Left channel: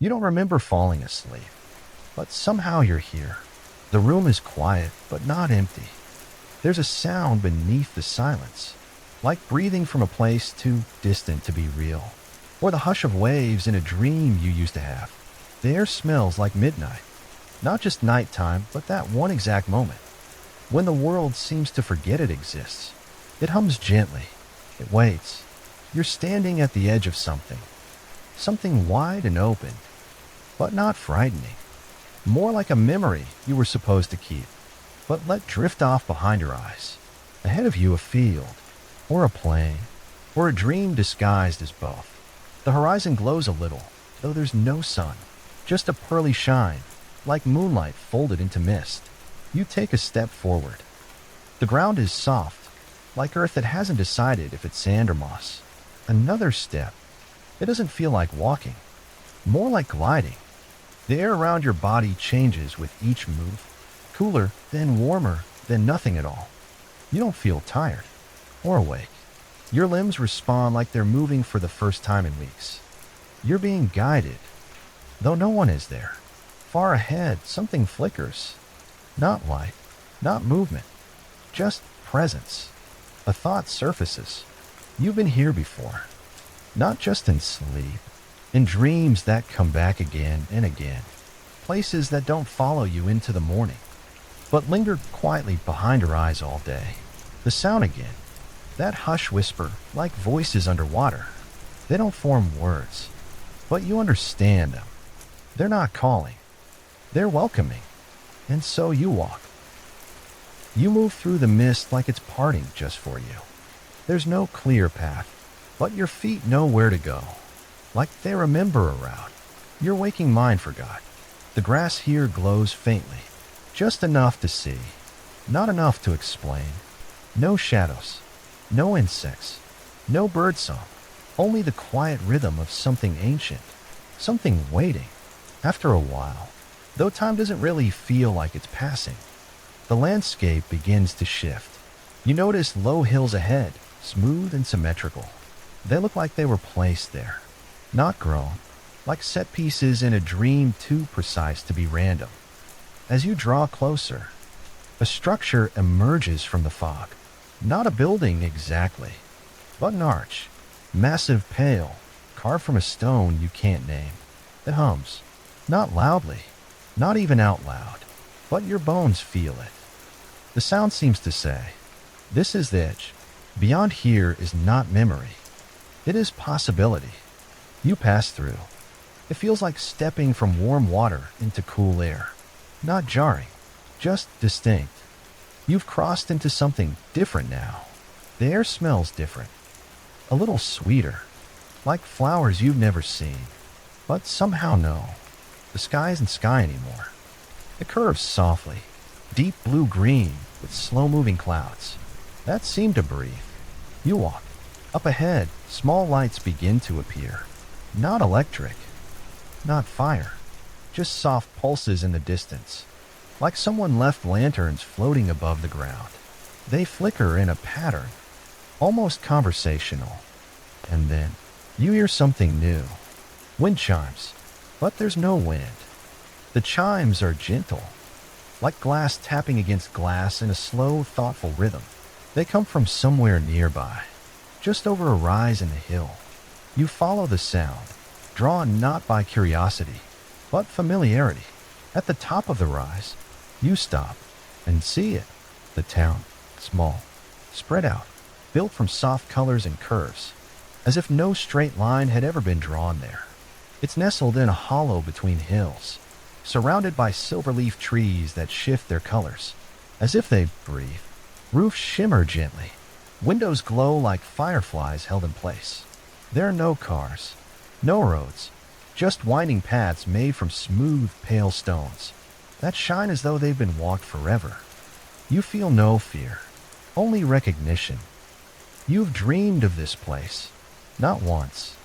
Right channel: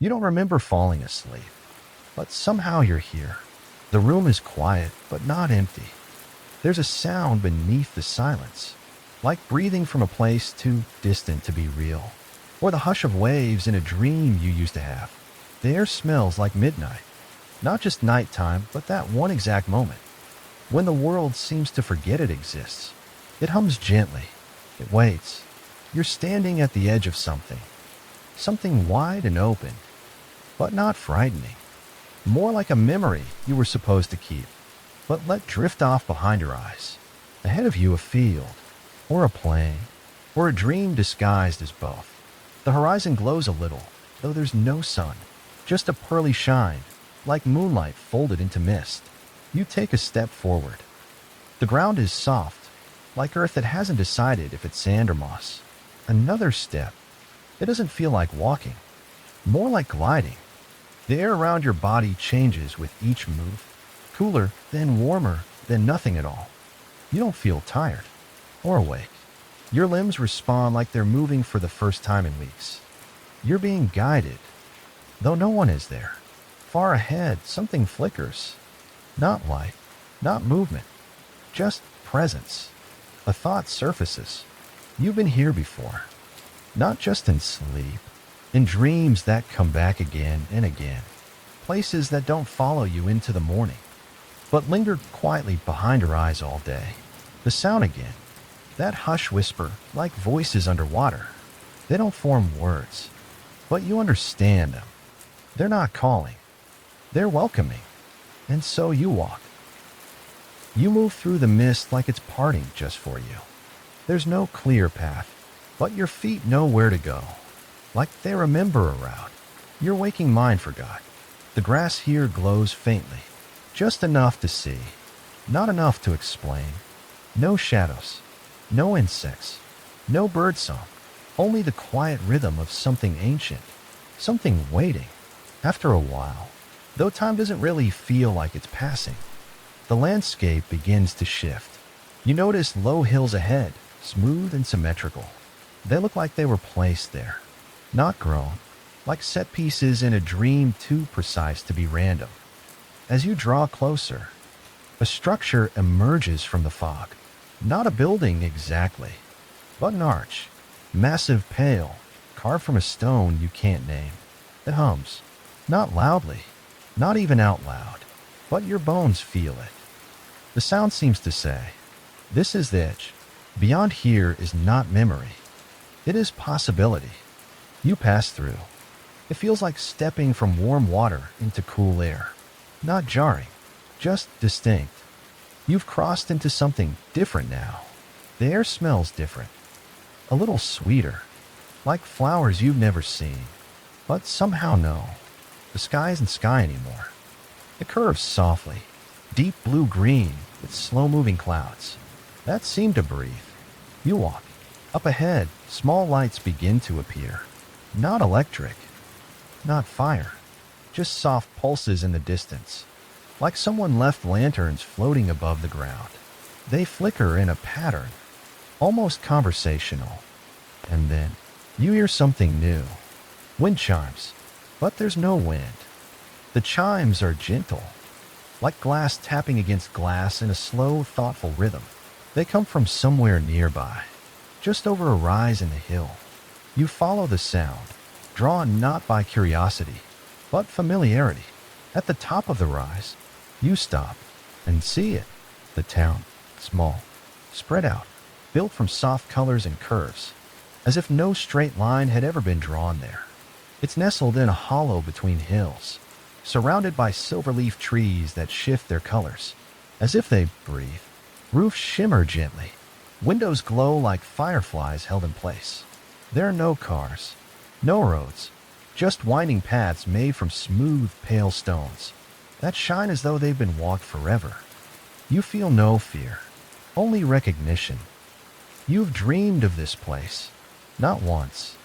You don't remember falling asleep, but somehow you're here. The room is quiet, but not empty. There's a sound beneath the silence, like breathing from a place too distant to be real, or the hush of waves in a dream you used to have. The air smells like midnight, not just nighttime, but that one exact moment, when the world seems to forget it exists. It hums gently. It waits. You're standing at the edge of something wide and open, but not frightening. More like a memory you were supposed to keep, but let drift off behind your eyes. Ahead of you, a field, or a plain, or a dream disguised as both. The horizon glows a little, though there's no sun, just a pearly shine, like moonlight folded into mist. You take a step forward. The ground is soft, like earth that hasn't decided if it's sand or moss. Another step. It doesn't feel like walking, more like gliding. The air around your body changes with each move, cooler, then warmer, then nothing at all. You don't feel tired or awake. Your limbs respond like they're moving for the first time in weeks. You're being guided, though no one is there. Far ahead, something flickers. Not light, not movement, just presence. A thought surfaces. You've been here before. Not just in sleep, in dreams that come back again and again. Places that don't follow you into the morning, but linger quietly behind your eyes all day. The sound again. That hush whisper, like voices underwater. They don't form words, but you understand them. They're not calling. They're welcoming. And so you walk. You move through the mist like it's parting just for you. There's no clear path, but your feet know where to go. Like they remember a route your waking mind forgot. The grass here glows faintly, just enough to see, not enough to explain. No shadows, no insects, no birdsong, only the quiet rhythm of something ancient, something waiting. After a while, though time doesn't really feel like it's passing, the landscape begins to shift. You notice low hills ahead, smooth and symmetrical. They look like they were placed there, not grown, like set pieces in a dream too precise to be random. As you draw closer, a structure emerges from the fog. Not a building exactly, but an arch, massive, pale, carved from a stone you can't name. It hums, not loudly, not even out loud, but your bones feel it. The sound seems to say, this is the edge. Beyond here is not memory. It is possibility. You pass through. It feels like stepping from warm water into cool air. Not jarring, just distinct. You've crossed into something different now. The air smells different. A little sweeter, like flowers you've never seen, but somehow no. The sky isn't sky anymore. It curves softly, deep blue-green with slow-moving clouds that seem to breathe. You walk. Up ahead, small lights begin to appear. Not electric, not fire, just soft pulses in the distance, like someone left lanterns floating above the ground. They flicker in a pattern, almost conversational. And then, you hear something new. Wind chimes, but there's no wind. The chimes are gentle, like glass tapping against glass in a slow, thoughtful rhythm. They come from somewhere nearby, just over a rise in the hill. You follow the sound, drawn not by curiosity, but familiarity. At the top of the rise, you stop and see it. The town, small, spread out, built from soft colors and curves, as if no straight line had ever been drawn there. It's nestled in a hollow between hills, surrounded by silver-leaf trees that shift their colors, as if they breathe. Roofs shimmer gently. Windows glow like fireflies held in place. There are no cars, no roads, just winding paths made from smooth, pale stones that shine as though they've been walked forever. You feel no fear, only recognition. You've dreamed of this place, not once,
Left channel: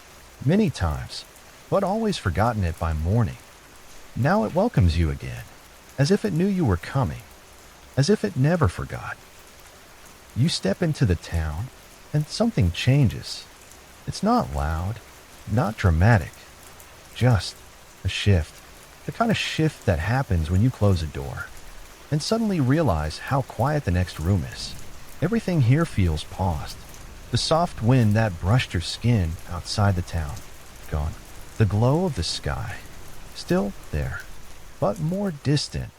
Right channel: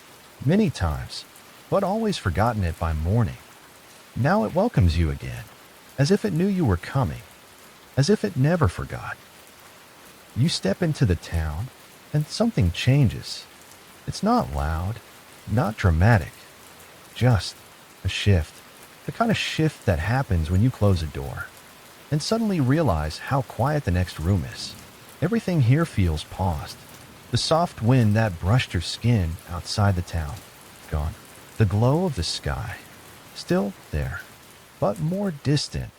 many times, but always forgotten it by morning. Now it welcomes you again, as if it knew you were coming, as if it never forgot. You step into the town, and something changes. It's not loud, not dramatic, just A shift. The kind of shift that happens when you close a door and suddenly realize how quiet the next room is. Everything here feels paused. The soft wind that brushed your skin outside the town, gone. The glow of the sky, still there, but more distant,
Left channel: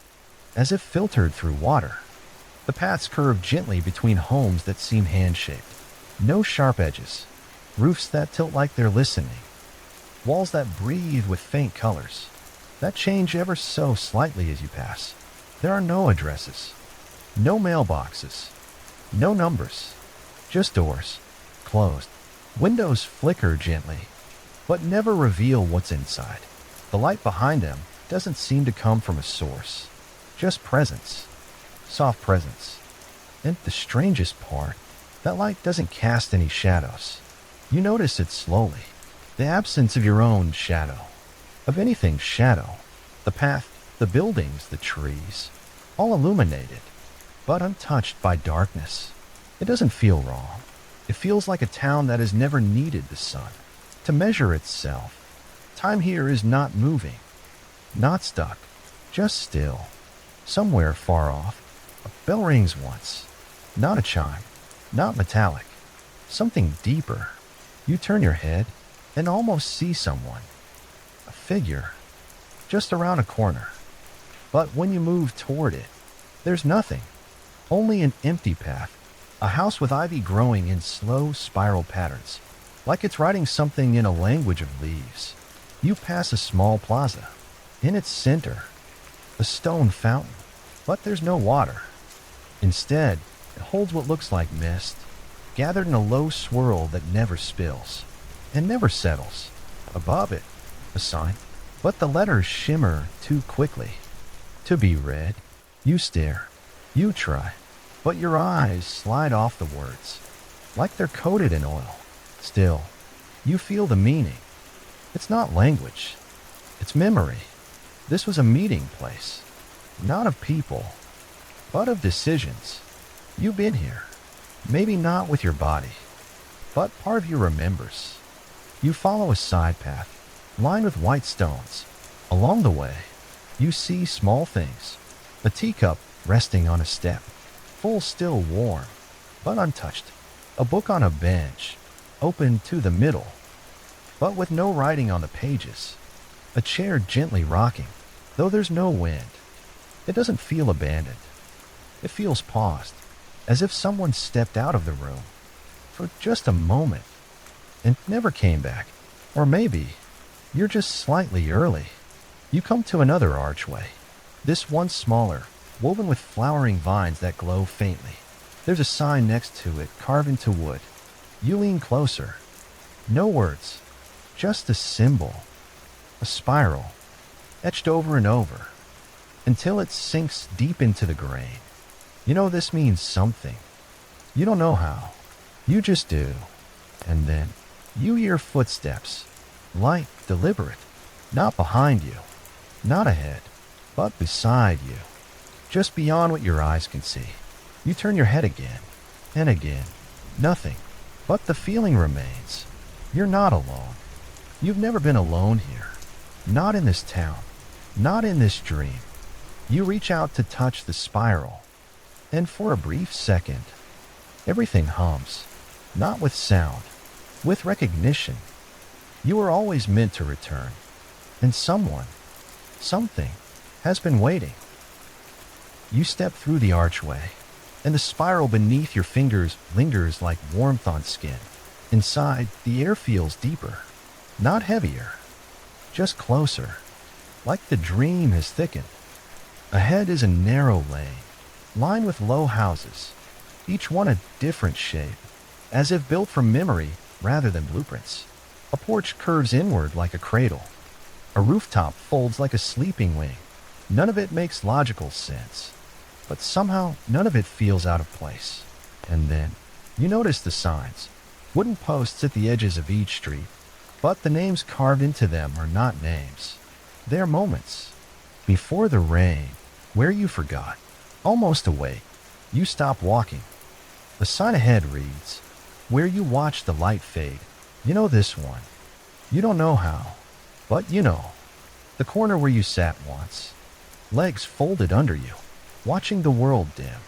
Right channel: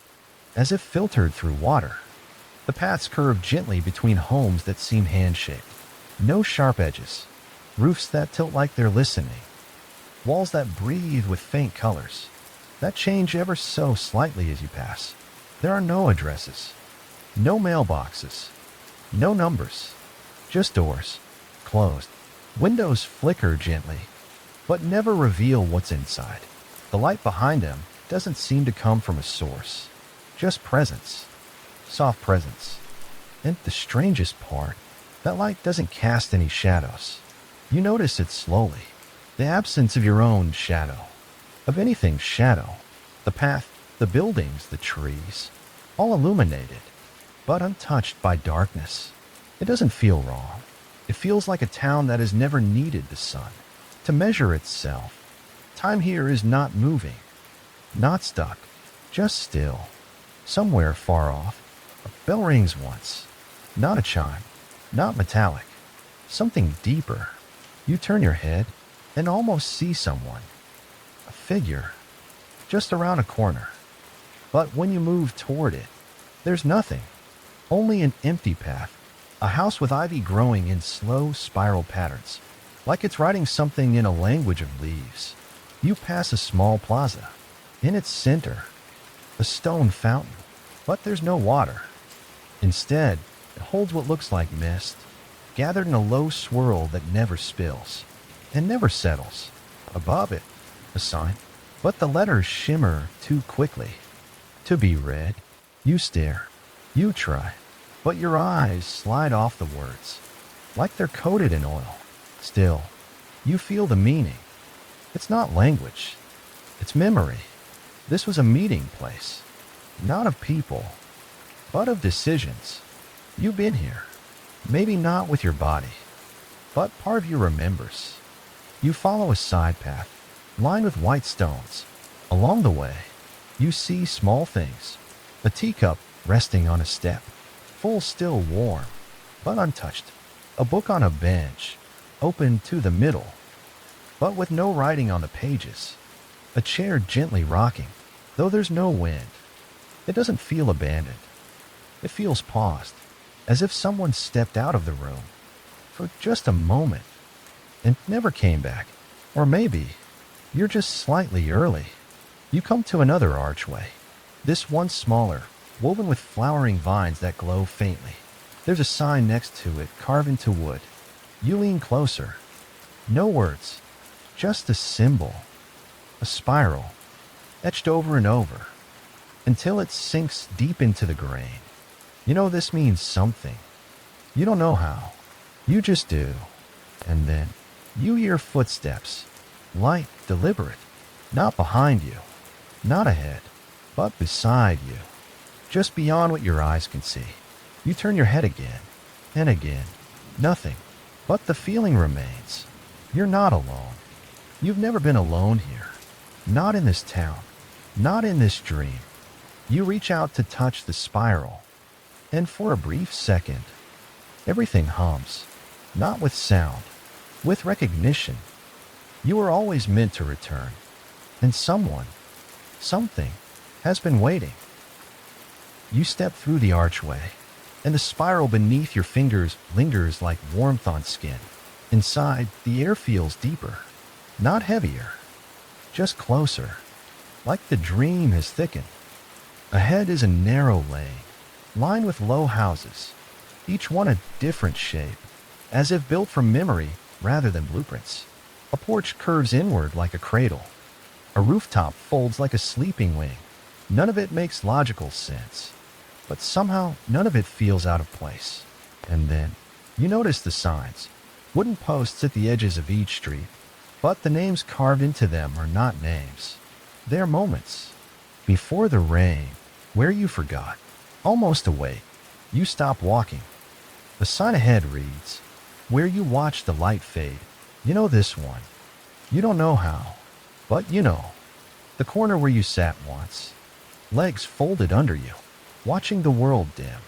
as if filtered through water. The paths curve gently between homes that seem hand-shaped. No sharp edges. Roofs that tilt like they're listening. Walls that breathe with faint colors, that change ever so slightly as you pass. There are no addresses, no mailboxes, no numbers, just doors, closed. Windows flicker gently, but never reveal what's inside. The light behind them doesn't seem to come from a source, just presence, soft presence. And the strangest part, that light doesn't cast any shadows. You notice it slowly, the absence of your own shadow, of anything's shadow. The path, the buildings, the trees, all illuminated, but untouched by darkness. It doesn't feel wrong. It feels like a town that has never needed the sun to measure itself. Time here is not moving, not stuck, just still. Somewhere far off, a bell rings once. Not a chime, not metallic, something deeper. You turn your head and almost see someone, a figure, just around a corner. But when you move toward it, there's nothing, only an empty path, a house with ivy growing in slow spiral patterns, like it's writing something in a language of leaves. You pass a small plaza. In its center, a stone fountain, but there's no water. Instead, it holds what looks like mist, gathered in a low swirl that never spills and never settles. Above it, a sign, but the letters shimmer too quickly to be read. You stare, you try, but your eyes slide off the words, like they're coated in oil. Still, you feel the meaning. It's not language, it's memory. This was a meeting place, not of people, but of decisions. You've been here, maybe not with your body, but part of you remembers. You follow a side path, lined with white stones. Along the way, you see small things. A teacup resting on a step, full still warm, but untouched. A book on a bench, open to the middle, but with no writing on the pages. A chair gently rocking, though there's no wind. It doesn't feel abandoned. It feels paused, as if someone stepped out of the room for just a moment and never came back. Or maybe you're just slightly early. You come to another archway, this one smaller, woven with flowering vines that glow faintly. There's a sign next to it, carved into wood. You lean closer. No words, just a symbol, a spiral, etched over and over, until it sinks deep into the grain. You know this means something. You don't know how. You just do. And then you hear footsteps, light, deliberate, not behind you, not ahead, but beside you, just beyond what your eyes can see. You turn your head again, and again. Nothing, but the feeling remains. You're not alone. You've never been alone here. Not in this town, not in this dream. You reach out to touch the spiral, and for a brief second, everything hums, not with sound, with recognition. You were always meant to return, and someone, something, has been waiting. You step through the archway, and the spiral beneath your fingers lingers like warmth on skin. Inside, the air feels deeper, not heavier, just closer, like the dream has thickened. Ahead is a narrow lane, lined with low houses, each one a different shape, as if built from memory rather than blueprints. A porch curves inward like a cradle. A rooftop folds like a sleeping wing. None of it makes logical sense, but somehow none of it feels out of place. And then you notice the signs, wooden posts at the edges of each street, but the names carved into them are not names. They are moments. Before the rain, where you forgot, almost awake, you stop walking. The sign ahead reads, where you watch the light fade. You know this one. You don't know how, but you know. The corner where you sat once, legs folded under you, watching the world dim.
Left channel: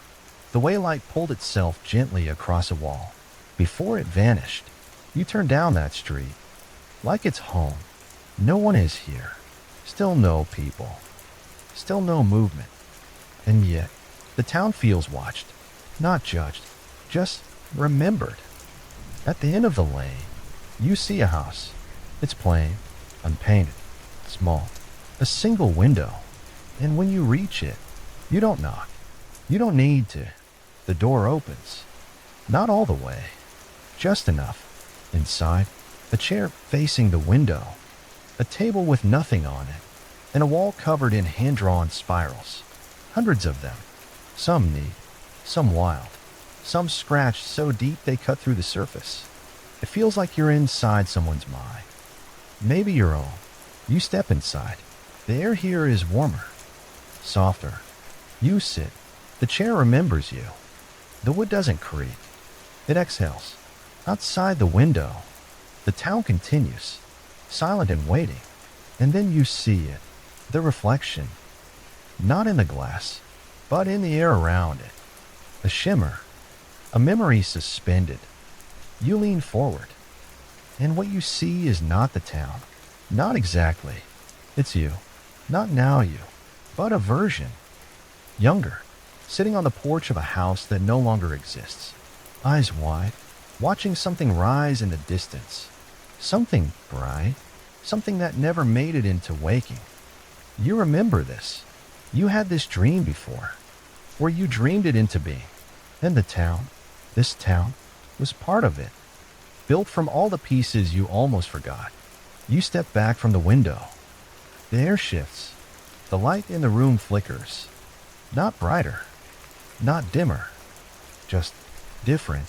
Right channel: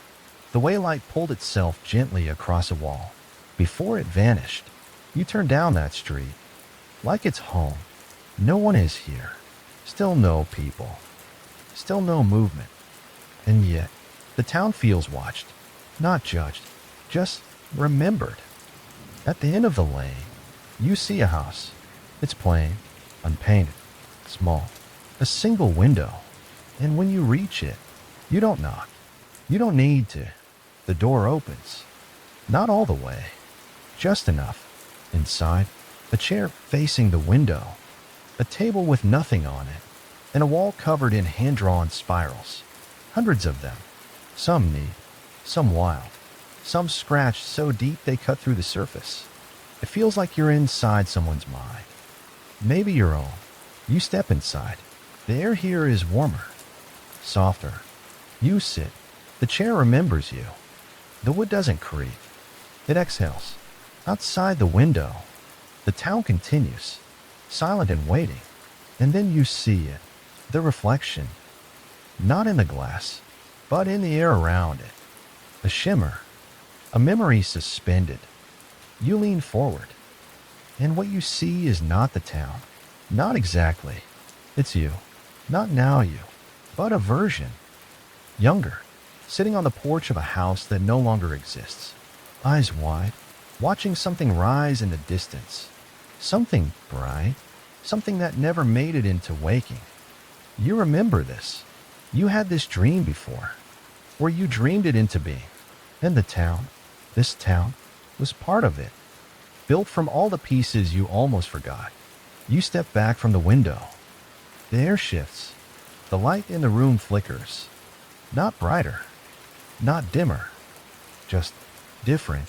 The way light pulled itself gently across a wall. Before it vanished, you turned down that street. Like it's home. No one is here. Still no people. Still no movement. And yet, the town feels watched, not judged, just remembered. At the end of the lane, you see a house. It's plain, unpainted, small, a single window. And when you reach it, you don't knock. You don't need to. The door opens. Not all the way. Just enough. Inside, a chair facing the window, a table with nothing on it, and a wall covered in hand-drawn spirals. Hundreds of them. Some neat, some wild, some scratched so deep they cut through the surface. It feels like you're inside someone's mind. Maybe your own. You step inside. The air here is warmer, softer. You sit. The chair remembers you. The wood doesn't creak. It exhales. Outside the window, the town continues, silent and waiting. And then you see it, the reflection. Not in the glass, but in the air around it. A shimmer, a memory suspended. You lean forward, and what you see is not the town. Not exactly. It's you. Not now you, but a version. Younger, sitting on the porch of a house that no longer exists. Eyes wide, watching something rise in the distance. Something bright, something that never made it into waking. You remember this. You had this dream before, or you dreamed it into being. And the town, this town, was part of it. Built from all the pieces you almost forgot. You step back from the window. The air shifts. The light in the room flickers. Not brighter, not dimmer, just different.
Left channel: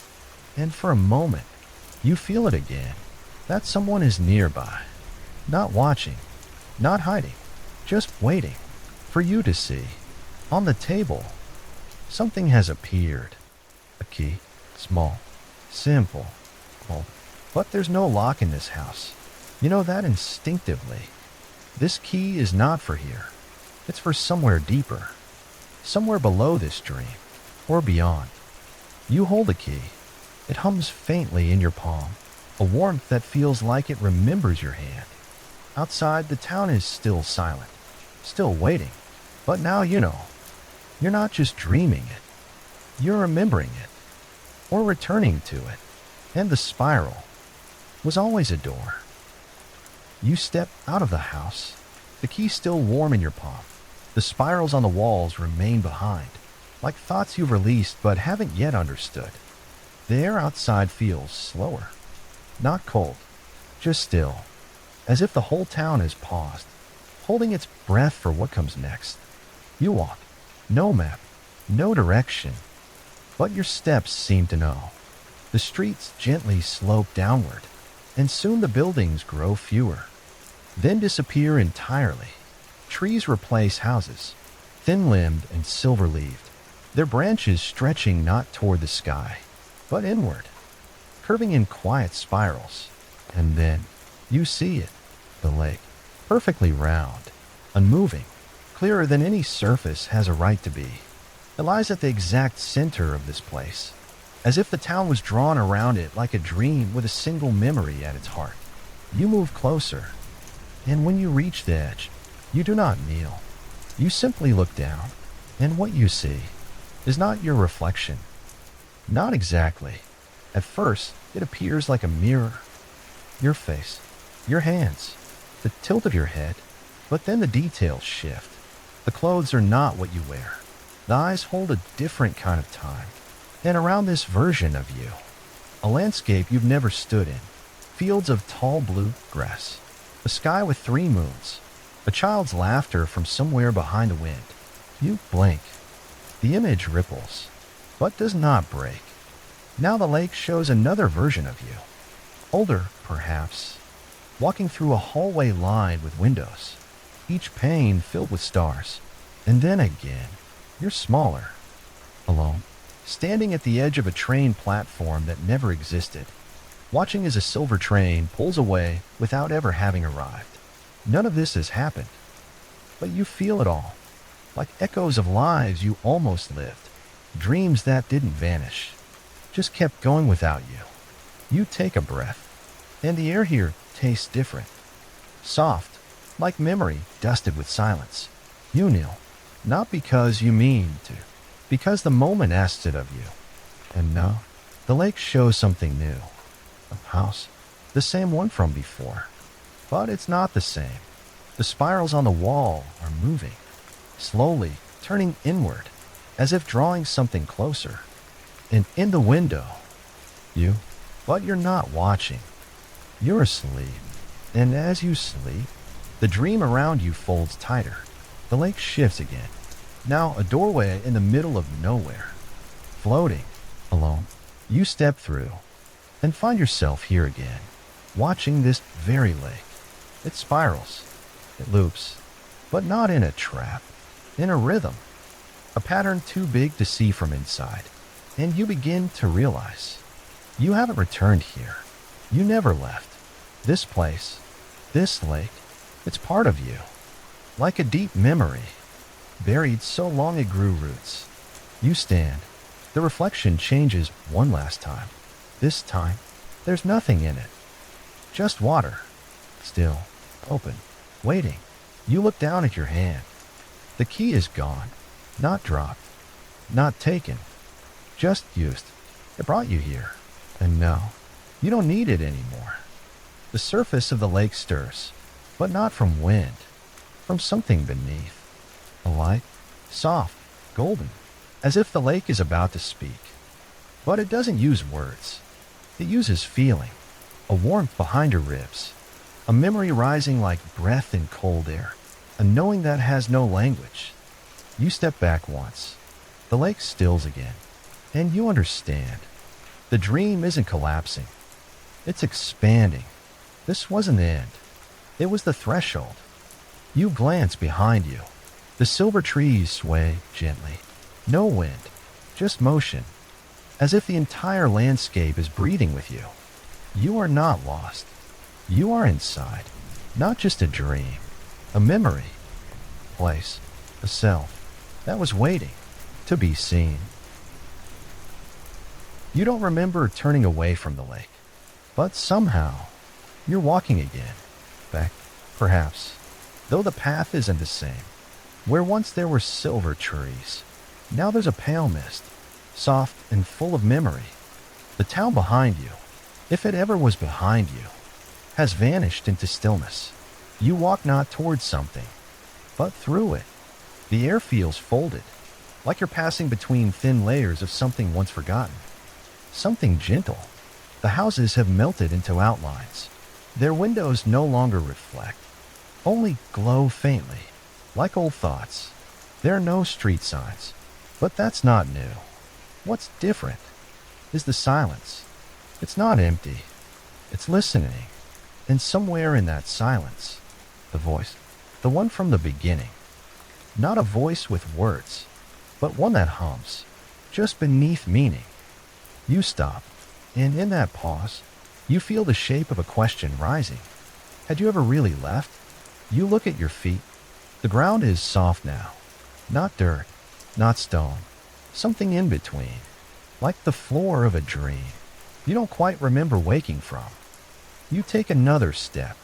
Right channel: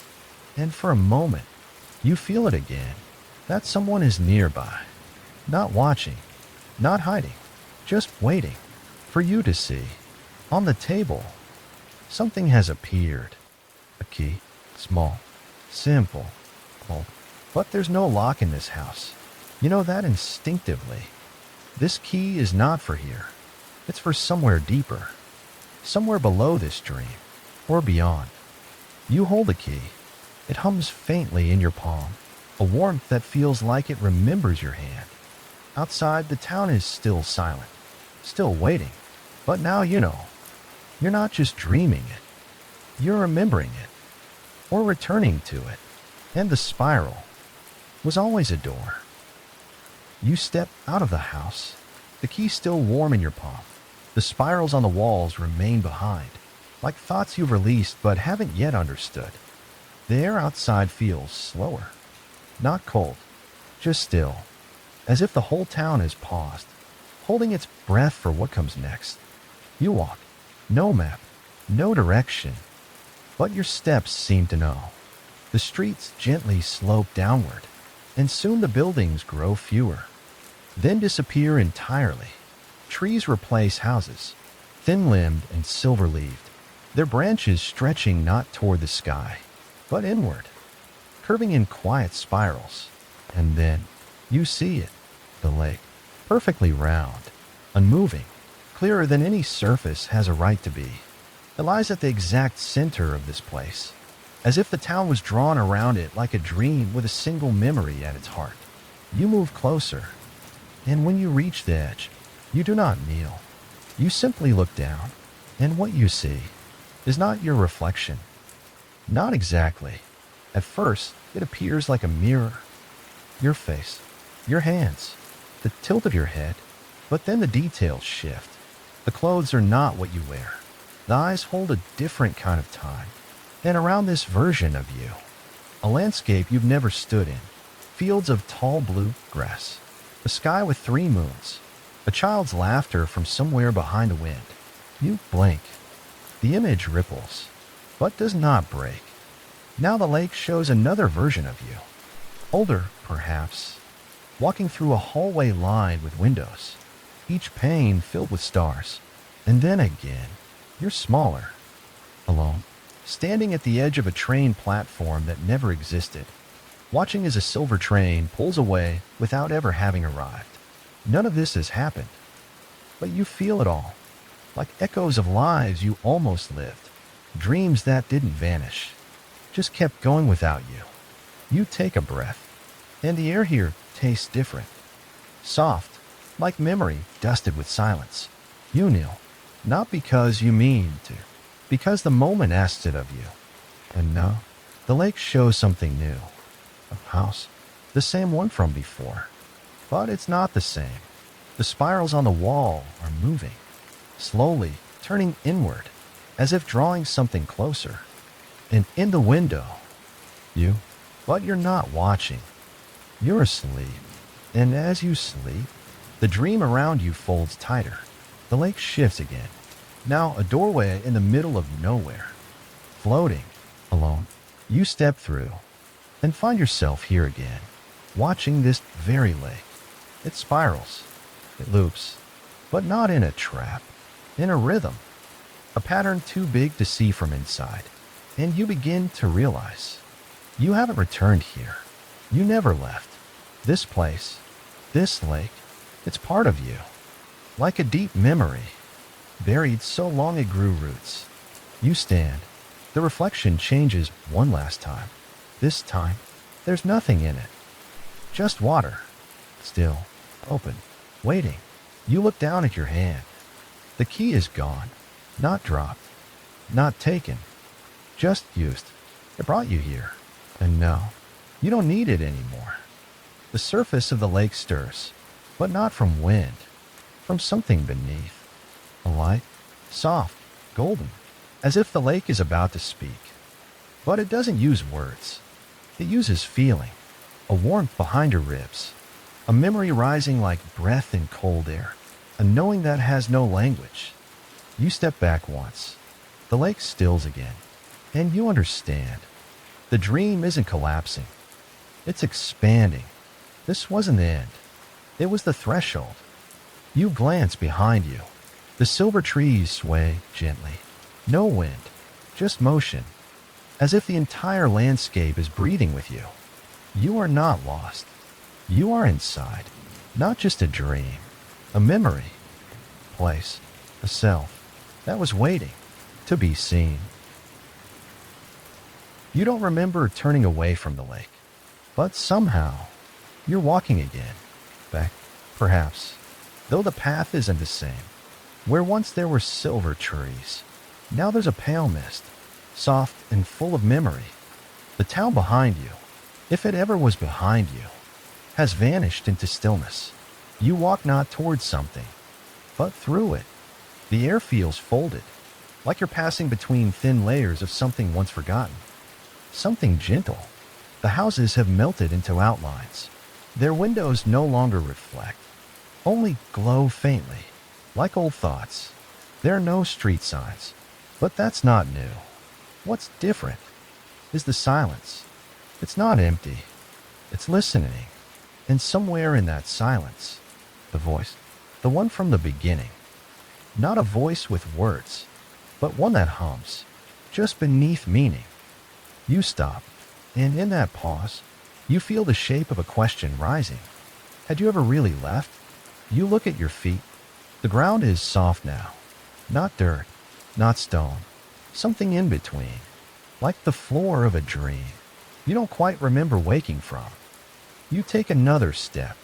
And for a moment, you feel it again. That someone is nearby. Not watching, not hiding, just waiting for you to see. On the table, something has appeared. A key, small, simple, old. But there's no lock in this house. You know that instinctively. This key is not for here. It's for somewhere deeper. Somewhere below this dream, or beyond. You hold the key. It hums faintly in your palm, a warmth that feels like it remembers your hand. Outside, the town is still silent, still waiting. But now you know. You're not just dreaming it. You're remembering it, or returning to it. And the spiral was always a door. You step out of the house, the key still warm in your palm. The spirals on the walls remain behind, like thoughts you've released but haven't yet understood. The air outside feels slower, not cold, just still, as if the whole town has paused, holding its breath for what comes next. You walk, no map, no direction, but your steps seem to know. The streets gently slope downward, and soon the buildings grow fewer, then disappear entirely. Trees replace houses, thin-limbed and silver-leaved, their branches stretching not toward the sky, but inward, curving in quiet spirals. And then you see it, the lake, perfectly round, unmoving, clearer than any surface has a right to be. It lies at the exact center of this place, as if the town was drawn around it like a dream with a single memory at its heart. You move closer, and when you reach the edge, you do not kneel. You simply look down, and what you see is not your reflection. Not exactly. At first, it appears like a mirror. Your face, your hands, the tilt of your head, but then the details shift. The clothes are not what you wear. The eyes hold a different kind of time. And around this version of you, a landscape you've never stood in, fields of tall blue grass, a sky with 3 moons, a child's laughter from somewhere behind the wind. You blink. The image ripples, but does not break. Now the lake shows another version of you. Older, perhaps, walking through a hallway lined with windows, each pane filled with stars. And then again, you're smaller, alone, standing at the edge of a train platform that never existed, watching as a silver train pulls away without ever having arrived. None of this has happened. but you feel it all, like echoes of lives you almost lived, dreams that didn't vanish, just kept going without you. You take a breath, and the air here tastes different. Soft, like memory dusted with silence. You kneel, not because you mean to, because the moment asks it of you. And now, the lake shows something new. A house, the same one from before. But it's not the same. The spirals on the wall are moving, slowly turning inward, as if drawing something closer. And in the window, you, but you're not watching. You're asleep. And as you sleep, the dream around you folds tighter. The lake shifts again. Now a doorway in the middle of nowhere. Floating, alone, you step through and find yourself here again, watching this very lake. It spirals, it loops, but not in a trap, in a rhythm, a pattern too big to see from inside. And you begin to realize you haven't returned here. You never left. This place, this lake, it's part of you, like a deep memory, buried so long it grew roots. You stand. The reflection changes one last time. This time, there's nothing in it. Just water. Still, open, waiting. You look down at your hand. The key is gone. Not dropped. Not taken. Just used. It brought you here. And now, you don't need it anymore. The surface of the lake stirs, but not from wind. From something beneath. A light, soft, golden, as if the lake is about to speak. But it doesn't use words. It uses feeling, a warmth behind your ribs, a memory rising like breath in cold air, a knowing that has no language. You step back once. The lake stills again, and you understand. The dream isn't collapsing. It's expanding. This wasn't the end. It was the threshold. You glance behind you. The silver trees sway gently. No wind, just motion, as if the entire landscape is breathing with you. You are not lost. You are inside, not just a dream, a memory, a place, a self that was waiting to be seen. You don't remember turning away from the lake, but somehow you're walking again, back, perhaps, though the path isn't the same. Where once there were silver trees, now there's a pale mist, soft and full of memory. The town behind you, if it ever was behind you, has vanished into stillness. You walk not towards something, but through it. The air feels folded, like you're passing between thin layers of something once forgotten. Something gentle. The houses have melted into outlines. Their windows no longer reflect, only glow faintly, like old thoughts. There are no street signs, but that's not new. What's different is the silence. It's not empty. It's listening. And somewhere in that silence, the voice, the one from the beginning. Not a voice with words, but one that hums, just beneath meaning. You stop, and in that pause, you feel the shape of a question rising. Had you ever really left? You look at your feet. The ground is soft now. Not dirt, not stone. Something in between. Like the floor of a dream you don't quite remember waking from. You take another step.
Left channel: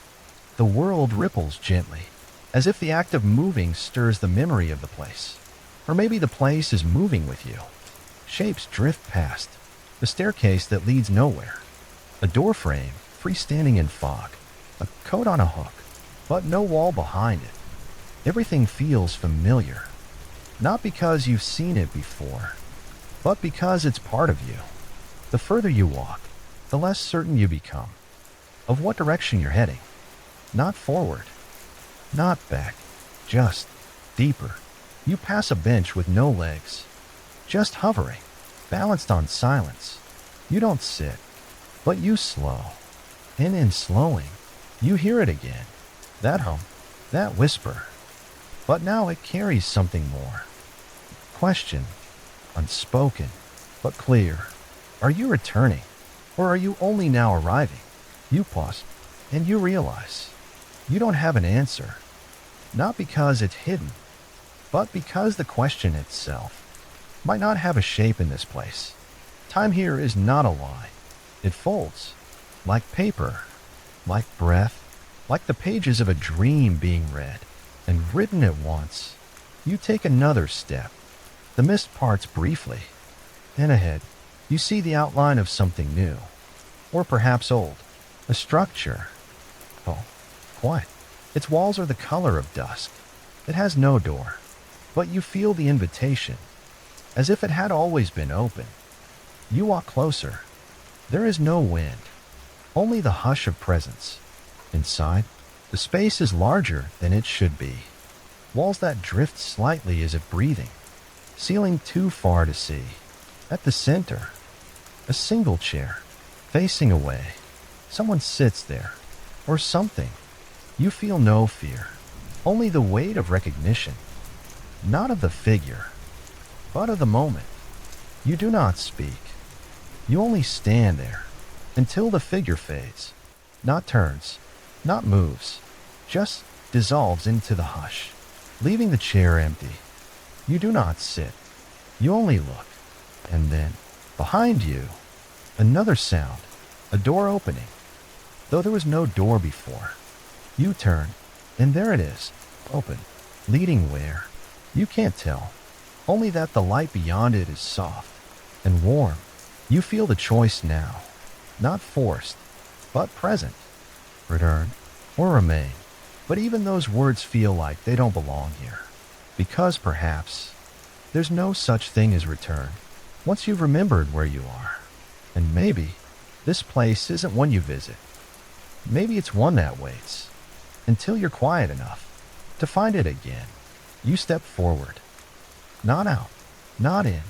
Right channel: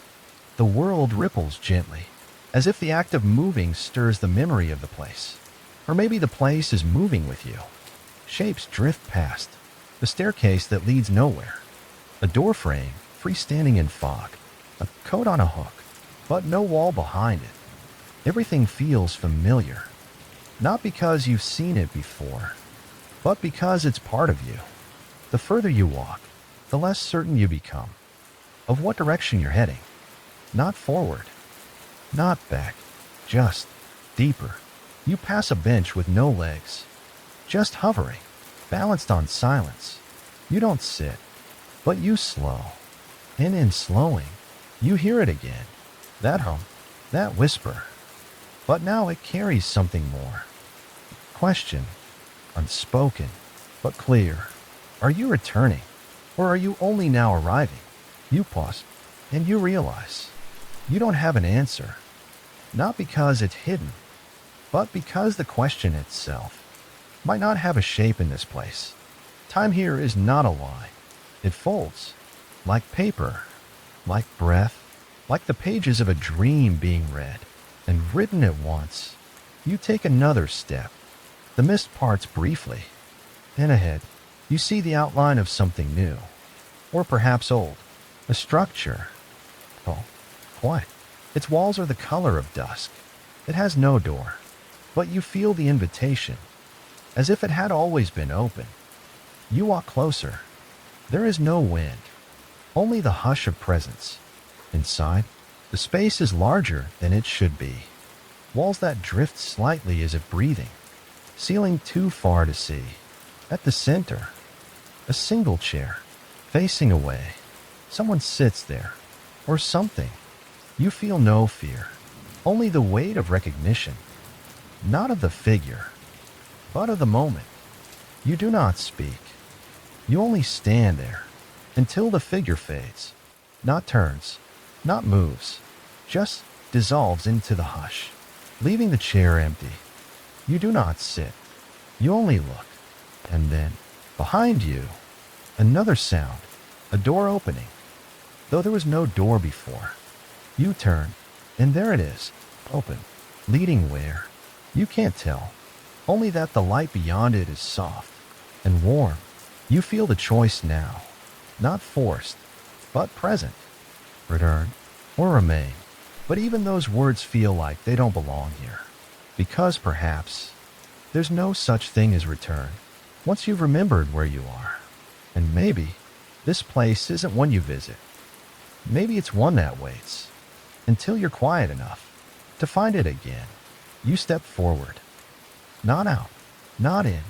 The world ripples gently, as if the act of moving stirs the memory of the place. Or maybe the place is moving with you. Shapes drift past. The staircase that leads nowhere. A door frame, freestanding in fog. A coat on a hook, but no wall behind it. Everything feels familiar. Not because you've seen it before, but because it's part of you. The further you walk, the less certain you become of what direction you're heading. Not forward, not back, just deeper. You pass a bench with no legs, just hovering, balanced on silence. You don't sit, but you slow. And in slowing, you hear it again. That hum, that whisper. But now it carries something more. Question, unspoken, but clear. Are you returning, or are you only now arriving? You pause, and you realize you don't have an answer. not because it's hidden, but because the question itself might not have a shape in this place. Time here is not a lie. It folds, like paper, like breath, like the pages of a dream being read and written at once. You take another step. The mist parts briefly, and ahead, you see the outline of something new, or perhaps old, a structure. Oh, quiet. Its walls are the color of dusk. It has no door, but you feel the invitation, as if it had always been open. You walk closer. There is no wind, only the hush of presence. Inside, the space is larger than it should be. Walls that drift slightly as if breathing, ceiling too far to see. At the center, a single chair, facing away. Someone sits there, or something. You feel no fear, only the weight of recognition, not of the figure, but of the moment. You do not speak. You only stand there until the figure fades, not turns, not moves, just dissolves into the hush, leaving the chair empty. You do not sit. You only look. And then, behind you, another sound, a door opening. Though there was no door before. You turn, and there it is, open, leading where? You can't tell, only that the light beyond it is soft and warm. You feel the choice now, not forced, but present. Return or remain. But even those words feel like they don't belong here. Because perhaps there's no such thing as return once you've remembered where you are. And maybe this place isn't one you visit. Maybe it's one that waits until you're quiet enough to find it again. You step forward. Not out, not in,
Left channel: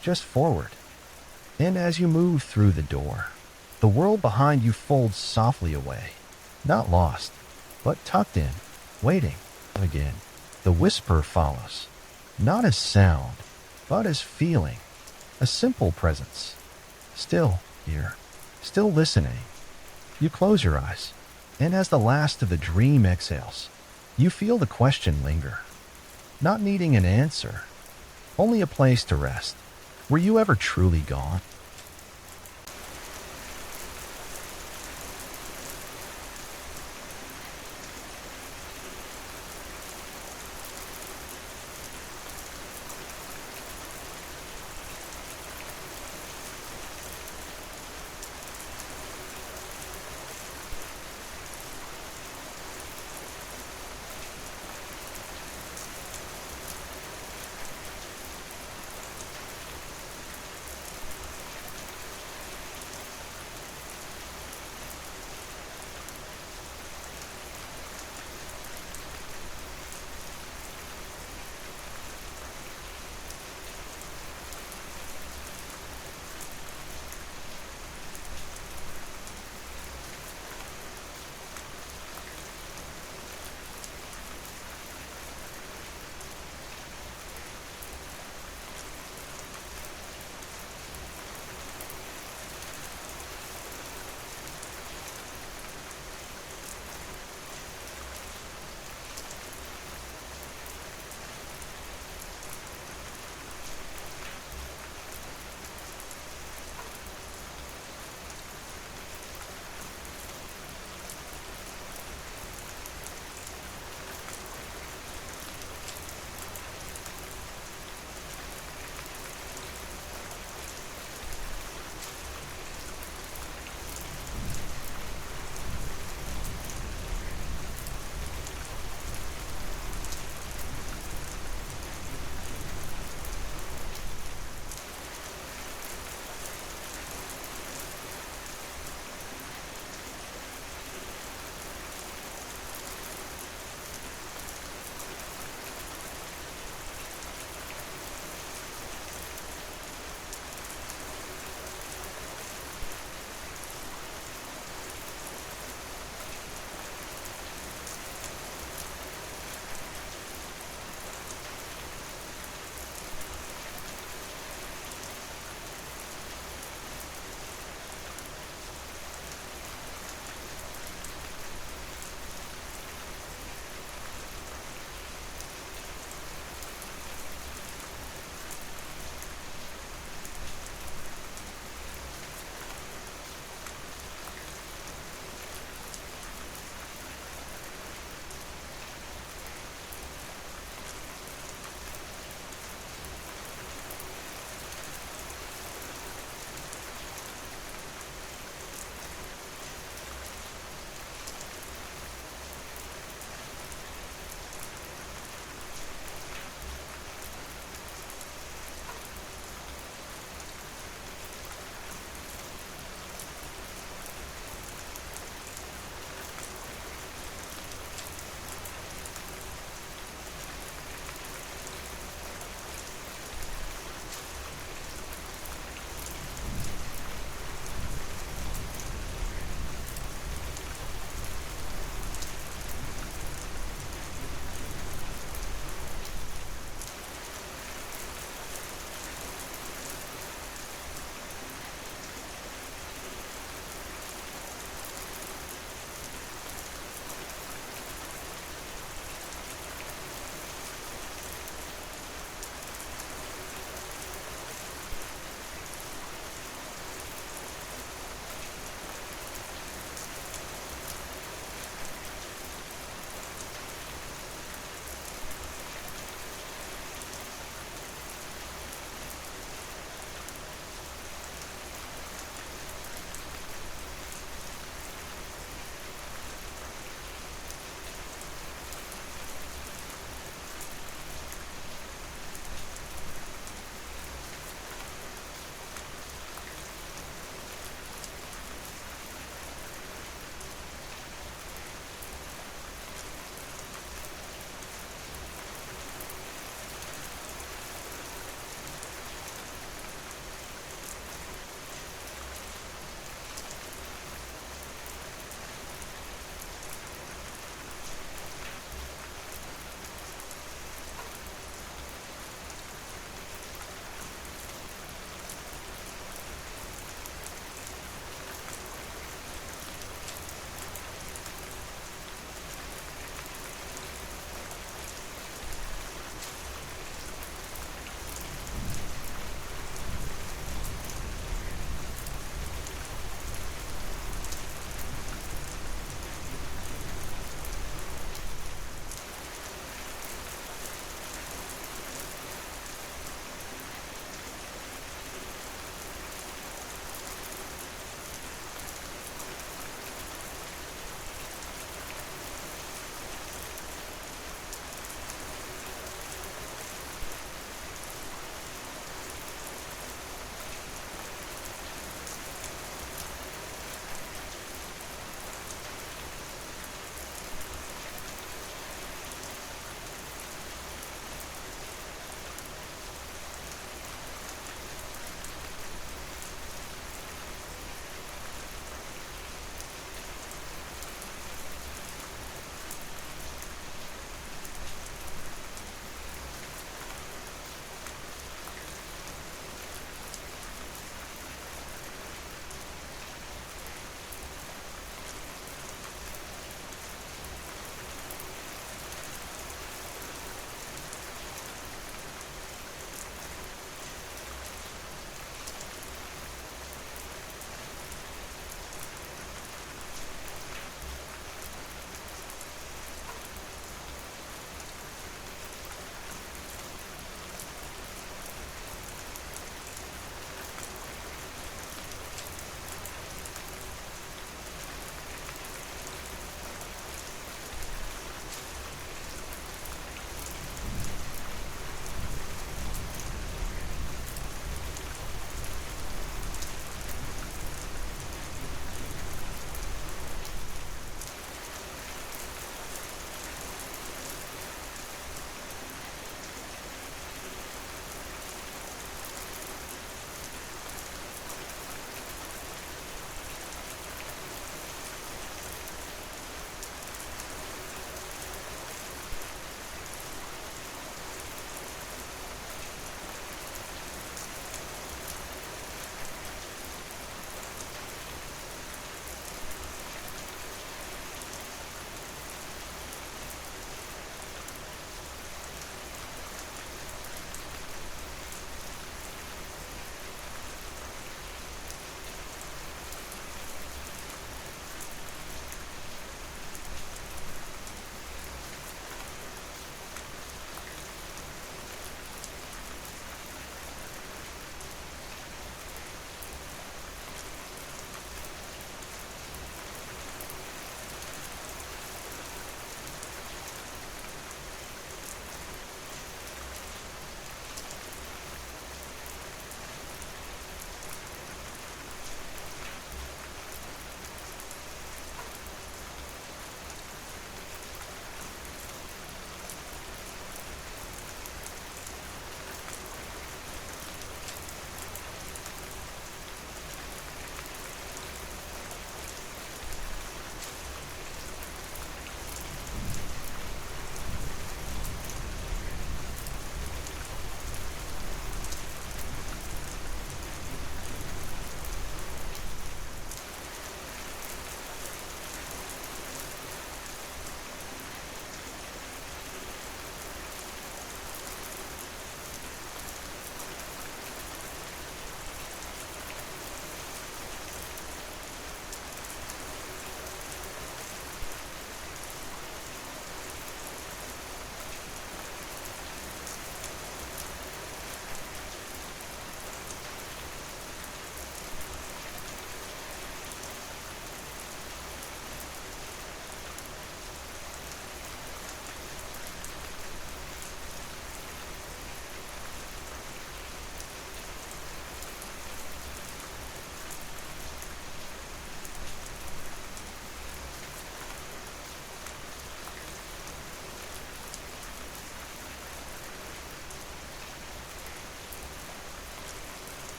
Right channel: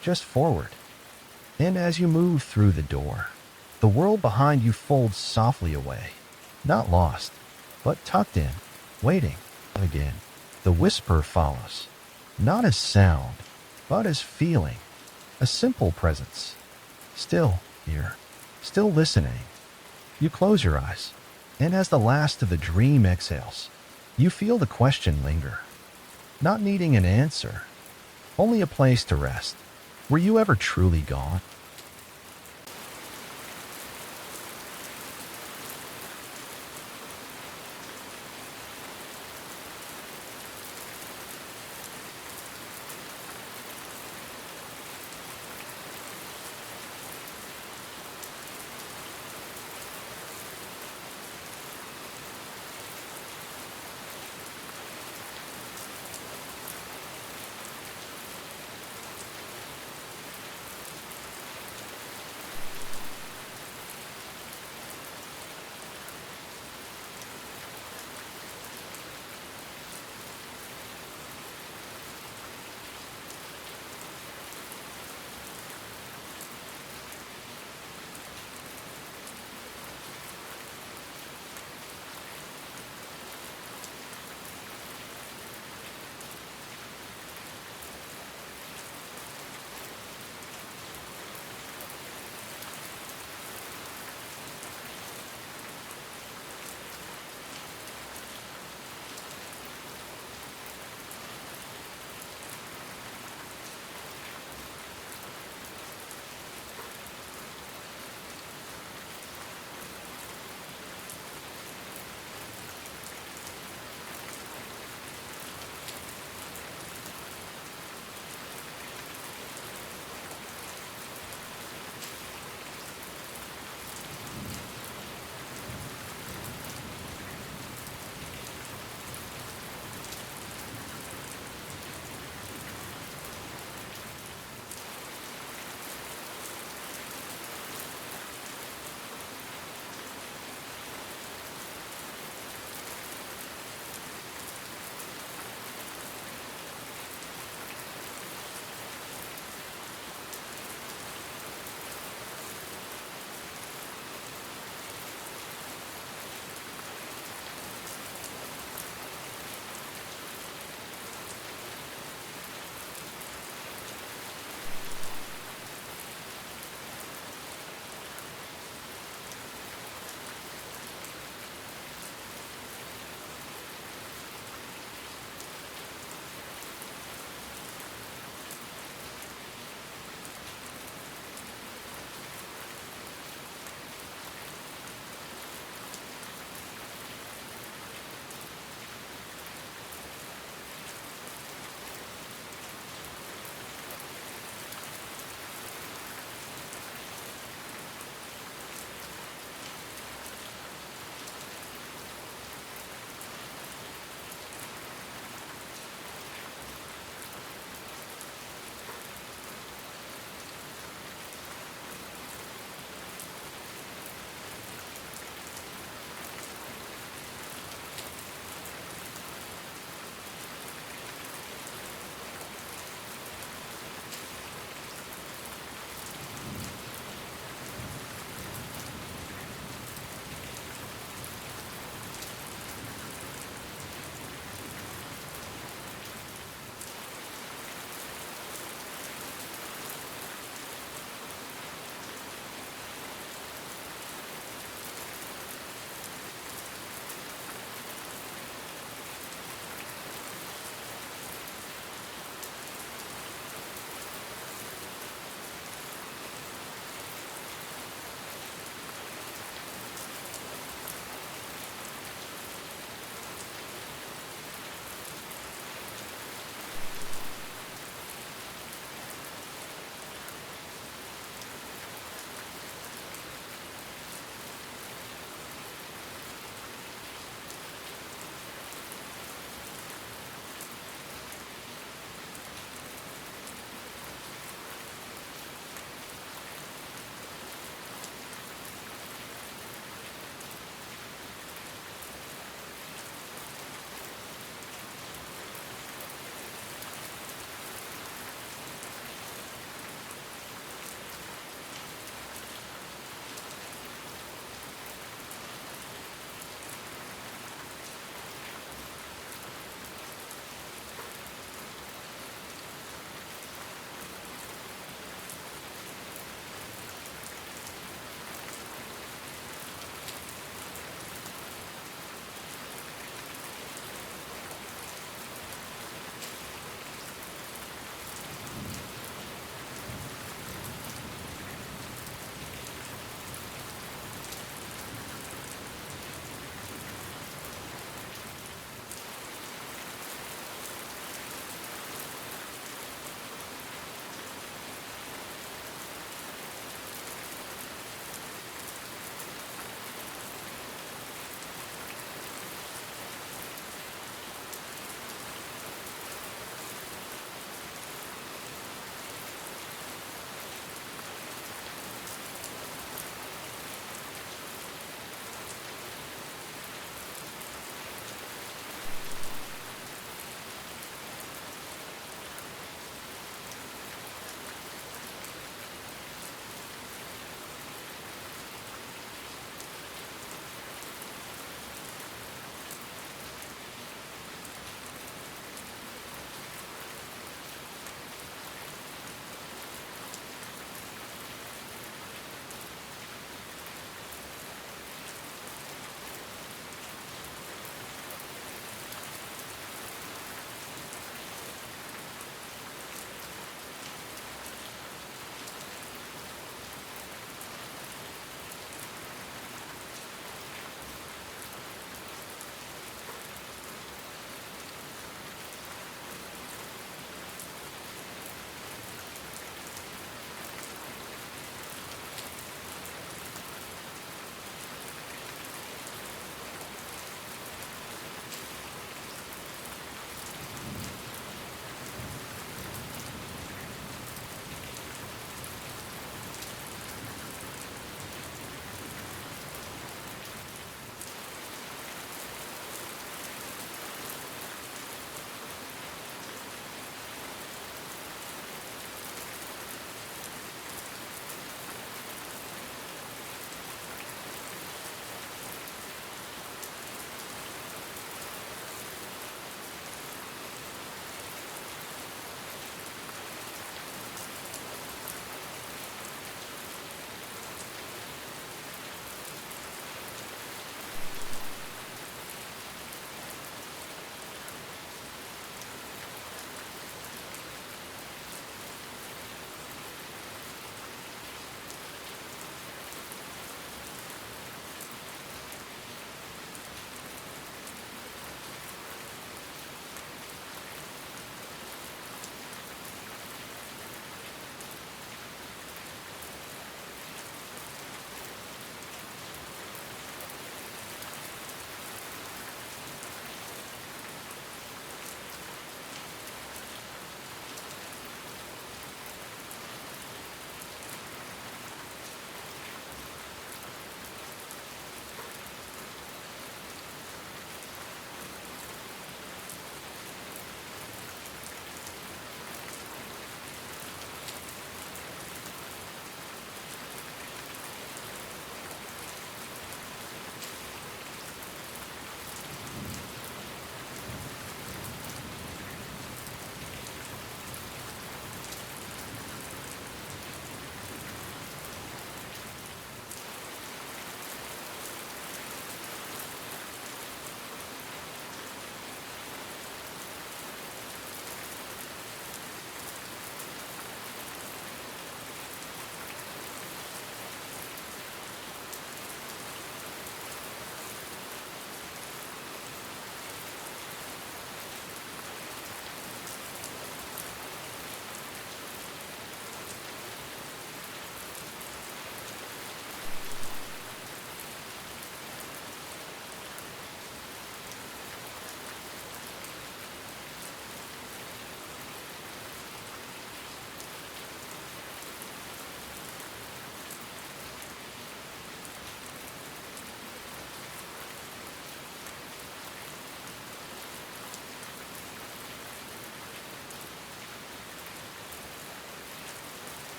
just forward. And as you move through the door, the world behind you folds softly away. Not lost, but tucked in, waiting. Again, the whisper follows. Not as sound, but as feeling. A simple presence. Still here, still listening. You close your eyes, and as the last of the dream exhales, you feel the question linger. Not needing an answer, only a place to rest. Were you ever truly gone?